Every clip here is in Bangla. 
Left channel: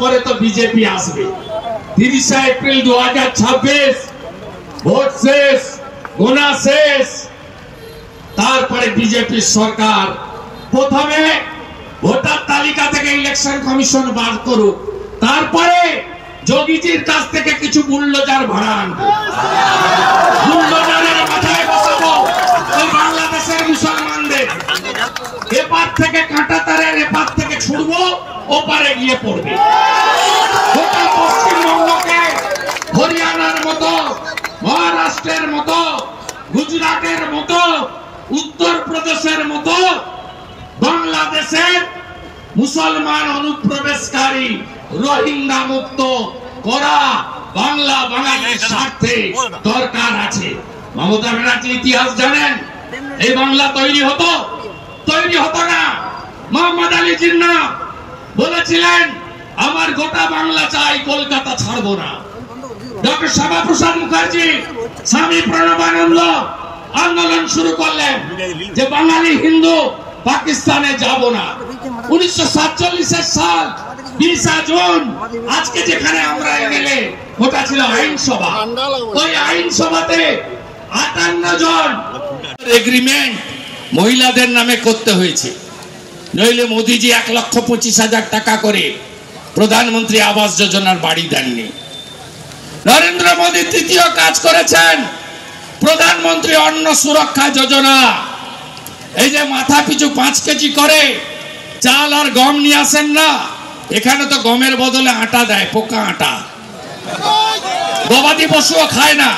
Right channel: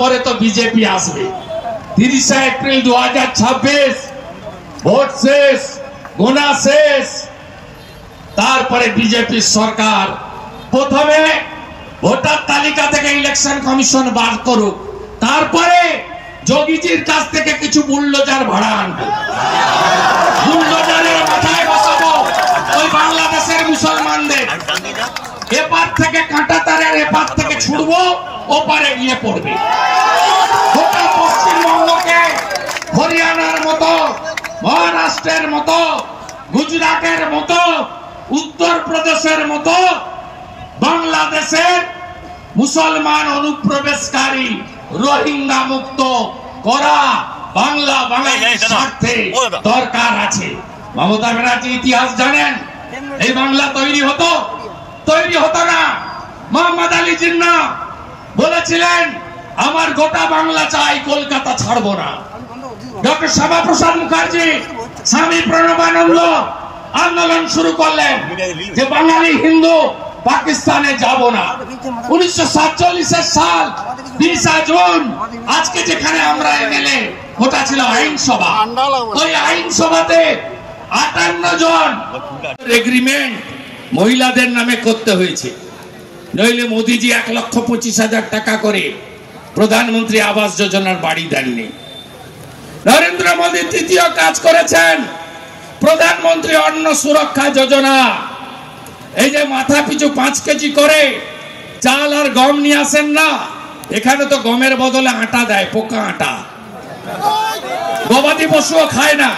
পরে তো বিজেপি আসবে। 30 এপ্রিল 2026 ভোট শেষ, গোনা শেষ। তারপরে বিজেপি সরকার প্রথমে ভোটার তালিকা থেকে ইলেকশন কমিশন বার করুক, তারপরে যোগীজির কাছ থেকে কিছু বুলডোজার ভাড়া আনবো। বুলডোজারের মাথায় বসাবো ওই বাংলাদেশের মুসলমানদের। এপার থেকে কাঁটা তারের এপার থেকে ছুড়বো, ওপারে গিয়ে পড়বে। গোটা পশ্চিমবঙ্গকে হরিয়ানার মতো, মহারাষ্ট্রের মতো, গুজরাটের মতো, উত্তরপ্রদেশের মতো বাংলাদেশের মুসলমান অনুপ্রবেশকারী রোহিঙ্গা মুক্ত করা বাঙালির স্বার্থে দরকার আছে। মমতা ব্যানার্জি ইতিহাস জানেন, এই বাংলা তৈরি হতো না। মোহাম্মদ আলী জিন্নাহ বলেছিলেন আমার গোটা বাংলা চাই, কলকাতা ছাড়বো না। ডক্টর শ্যামাপ্রসাদ মুখার্জি, স্বামী প্রণবানন্দ আন্দোলন শুরু করলেন যে বাঙালি হিন্দু পাকিস্তানে যাব না। 1947 সাল 20 জুন, আজকে যেখানে আমরা এমএলএ, ওটা ছিল আইনসভা। ওই আইনসভাতে 58 জন এগ্রিমেন্ট মহিলাদের নামে করতে হয়েছে, নইলে মোদিজি 1,25,000 টাকা করে প্রধানমন্ত্রী আবাস যোজনার বাড়ি দেননি। নরেন্দ্র মোদী তৃতীয় কাজ করেছেন প্রধানমন্ত্রী অন্ন সুরক্ষা যোজনা। এই যে মাথা পিছু 5 কেজি করে চাল আর গম নিয়ে আসেন না, এখানে তো গমের বদলে আটা দেয়, পোকা আটা। গবাদি পশুও খায় না।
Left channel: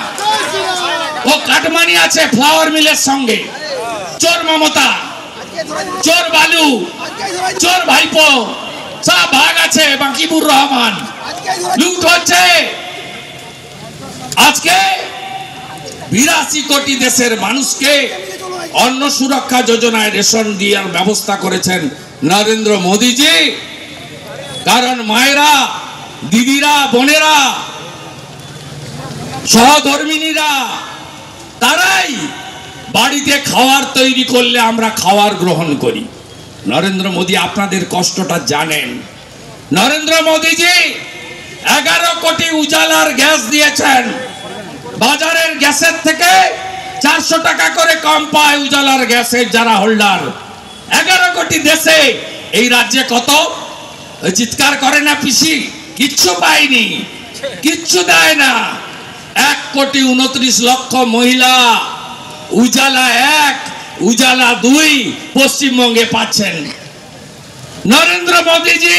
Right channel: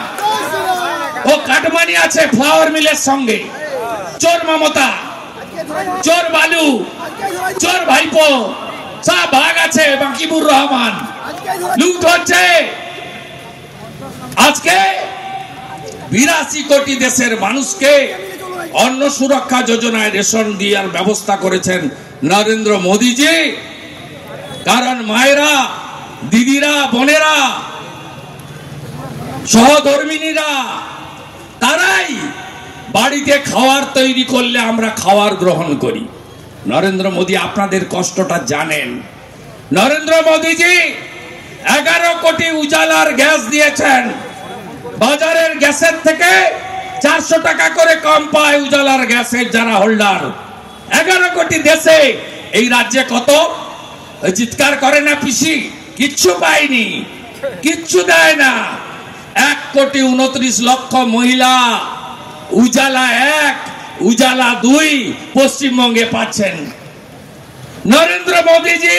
ও কাটমানি আছে ফ্লাওয়ার মিলের সঙ্গে। চোর মমতা, চোর বালু, চোর ভাইপো, সব ভাগ আছে বাকিবুর রহমান। লুট হচ্ছে। আজকে 82 কোটি দেশের মানুষকে অন্ন সুরক্ষা যোজনায় রেশন দেওয়ার ব্যবস্থা করেছেন নরেন্দ্র মোদীজি। কারণ মায়েরা, দিদিরা, বোনেরা, সহধর্মিনীরা তারাই বাড়িতে খাবার তৈরি করলে আমরা খাবার গ্রহণ করি। নরেন্দ্র মোদী আপনাদের কষ্টটা জানেন। নরেন্দ্র মোদীজি 11 কোটি উজালার গ্যাস দিয়েছেন। বাজারের গ্যাসের থেকে 400 টাকা করে কম পায় উজালার গ্যাসের যারা হোল্ডার। 11 কোটি দেশে এই রাজ্যে কত? চিৎকার করে না পিসি, কিচ্ছু পায়নি, কিচ্ছু দেয় না। 1,29,00,000 মহিলা উজালা 1, উজালা 2 পশ্চিমবঙ্গে পাচ্ছেন। নরেন্দ্র মোদীজি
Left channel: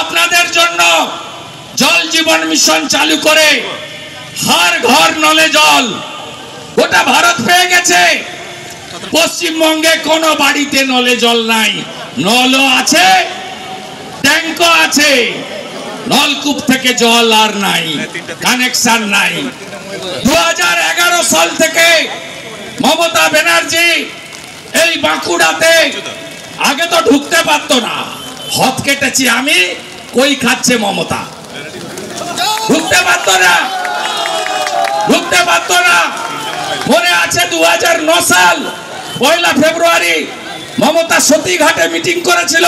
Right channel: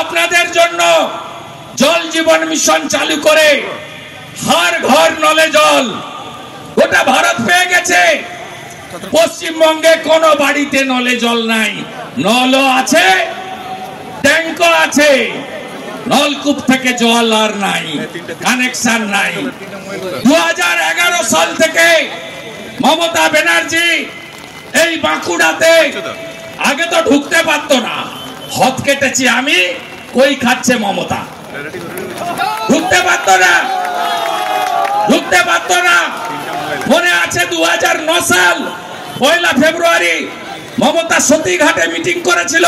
আপনাদের জন্য জল জীবন মিশন চালু করে হর ঘর নলে জল গোটা ভারত পেয়ে গেছে। পশ্চিমবঙ্গে কোন বাড়িতে নলে জল নাই। নলও আছে, ট্যাঙ্কও আছে, নলকূপ থেকে জল আর নাই, কানেকশন নাই। 2011 সাল থেকে মমতা ব্যানার্জি এই বাঁকুড়াতে আগে তো ঢুকতে পারতো না, হাত কেটেছি আমি, কই খাচ্ছে মমতা, ঢুকতে পারতো না। মনে আছে 2009 সাল 1 ফেব্রুয়ারি মমতা সতীঘাটে মিটিং করেছিল,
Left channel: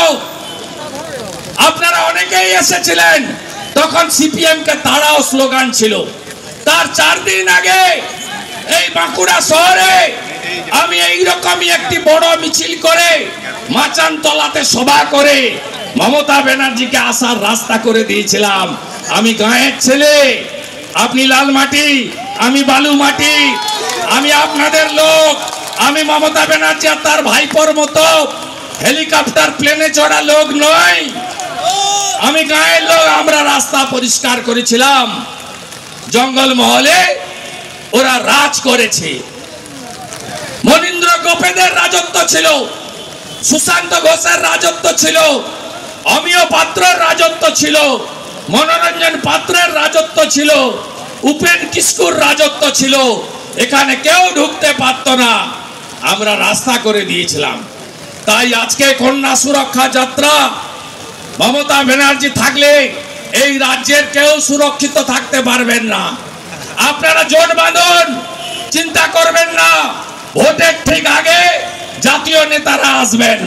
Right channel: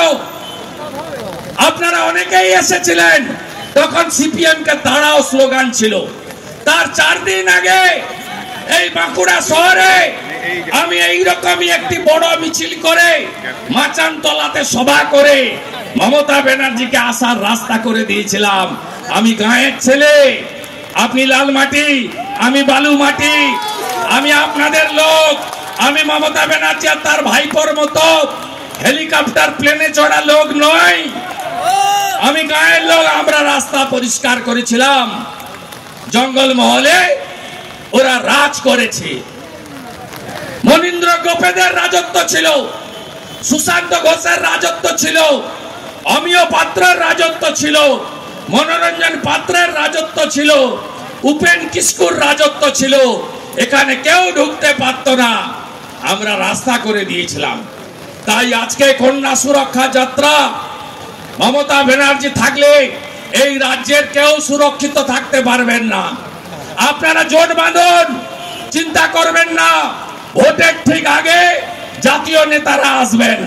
আপনারা অনেকেই এসেছিলেন। তখন সিপিএম কে তাড়াও স্লোগান ছিল। তার 4 দিন আগে এই বাঁকুড়া শহরে আমি এইরকমই একটি বড় মিছিল করে মাচানতলাতে সভা করে মমতা ব্যানার্জিকে আসার রাস্তা করে দিয়েছিলাম। আমি গাঁয়ের ছেলে, আপনি লাল মাটি, আমি বালু মাটি, আমি আপনাদের লোক। আমি মমতা ব্যানার্জি আর তার ভাইপোর মতো হেলিকপ্টার প্লেনে চড়া লোক নয়, আমি গায়ের লোক। আমরা রাস্তা পরিষ্কার করেছিলাম। জঙ্গল মহলে ওরা রাজ করেছে। মনীন্দ্র গোপেদের রাজত্ব ছিল, সুশান্ত ঘোষের রাজত্ব ছিল, অমিয় পাত্রের রাজত্ব ছিল, মনোরঞ্জন পাত্রের রাজত্ব ছিল, উপেন কিস্কুর রাজত্ব ছিল। এখানে কেউ ঢুকতে পারত না, আমরা রাস্তা করে দিয়েছিলাম। তাই আজকে কন্যা সুরক্ষা যাত্রা, মমতা ব্যানার্জি থাকলে এই রাজ্যের কেউ সুরক্ষিত থাকতে পারবেন না। আপনারা জোট বাঁধুন, চিন্তা করবেন না। ভোটের ঠিক আগে জাতীয় নেতারা আসবেন।